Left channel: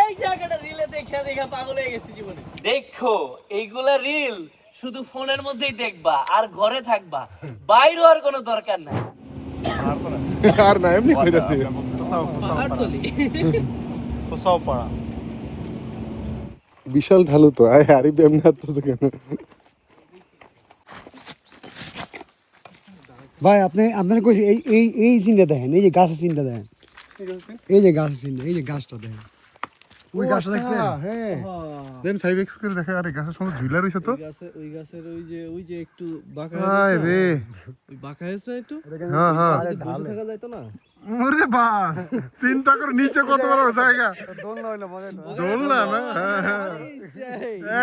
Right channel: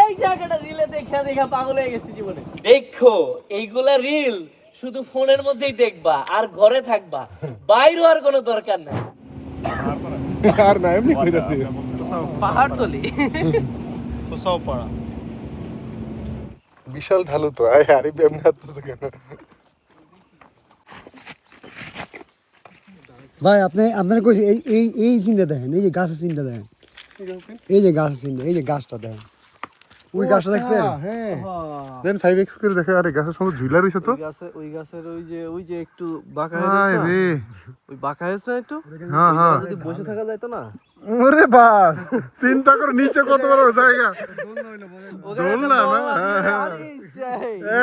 এই জায়গাটা রিলে দেখা দেখা পাগল হয়ে গেছে জীবনে। দেখো এইগুলা রিল শুধু ফোনের মধ্যেই দেখবা আর ঘরে থাকবা, বাইরে আর কোনো দরকার নাই। আর না এমনি কইতাছি পাহাড় তলি বিশাল ঢালু তো আরে এমনি আসতেছে কেন? ভাই আপনি আপনার কইছি এই এই এই সিনটা দেখেন, এই যে গাছের সিনটা দেখেন, এই যে গাছের সিন, এই যে গাছটা দেখেন, ওই গাছটা দেখছেন? হ্যাঁ দেন 5x করে দেখে আরে গাছের সঙ্গে ঝুলা রইছে তো ওই গাছের ওই যে একটু বাঁকা হায় রে ওই বাঁকা হয়েছে না একটু, হ্যাঁ হ্যাঁ যদি বসে থাকা যায় তো না। ওরে বাস চিন্তা করো নিচে কত বড় জায়গা, দোলনা না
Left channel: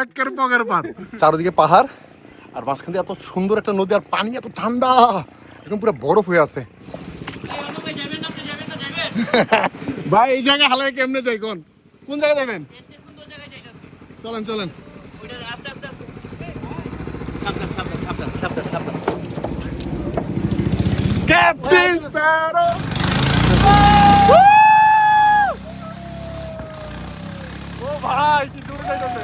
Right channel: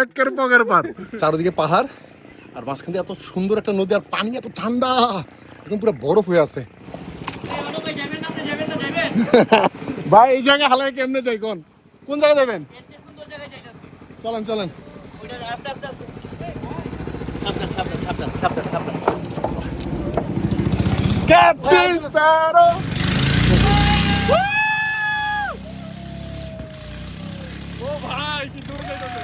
একের পকের পার, চারদিকে পাহাড় আর মাঝখান দিয়ে এত সুন্দর একটা নদী আর পানি এত ঠান্ডা একদম পুরো বরফ হয়ে আছে। ভাই এই জায়গায় হালাই কেমনে যাই কোন কোন জায়গায় যাবেন? চলেন চলেন ক্যাপ্টেন স্যারো ও ভাই কি দূরে যাইতেছে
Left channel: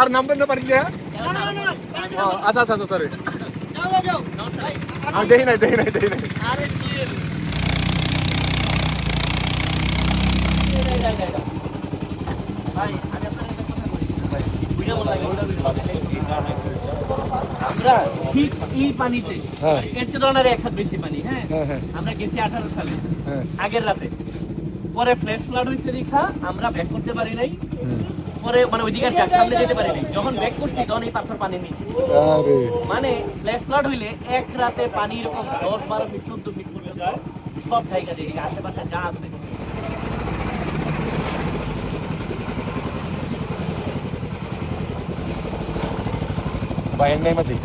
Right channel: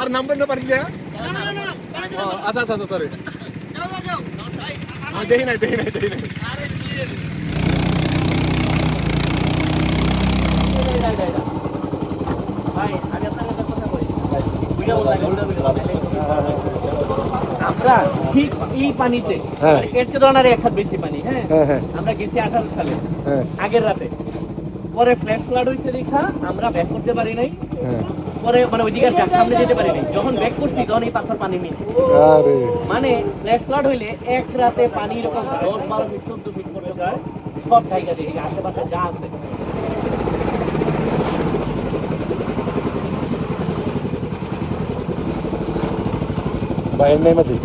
আর নাম্বার না পারি না আচ্ছা আচ্ছা সরি দেখি নাই আমরা ঠিক এই পানিতে এর চেয়ে ধরনের এক হাত বেশি পানি, হ্যাঁ আমরা গেছি 18 সালে আগের রাতে, পরে ফ্ল্যাশ ফ্লাড হয়েছে দেখা আমরা ব্যাক করতে পারি নাই, পরে মানে ওইদিকে সামনে যেতে পারি নাই, যখন ব্যাক করছি তখন এই পাথর পানি নিচে, মানে ফ্ল্যাশ ফ্লাড হইলে এক রাতে পানি এরকম 10-12 ফিট 14 ফিট পর্যন্ত সব জায়গা দেখি আশেপাশে যা আছে। ভাই নাই নাকি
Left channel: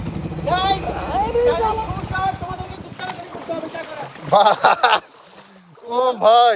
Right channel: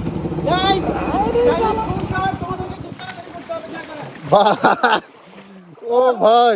ও ভাই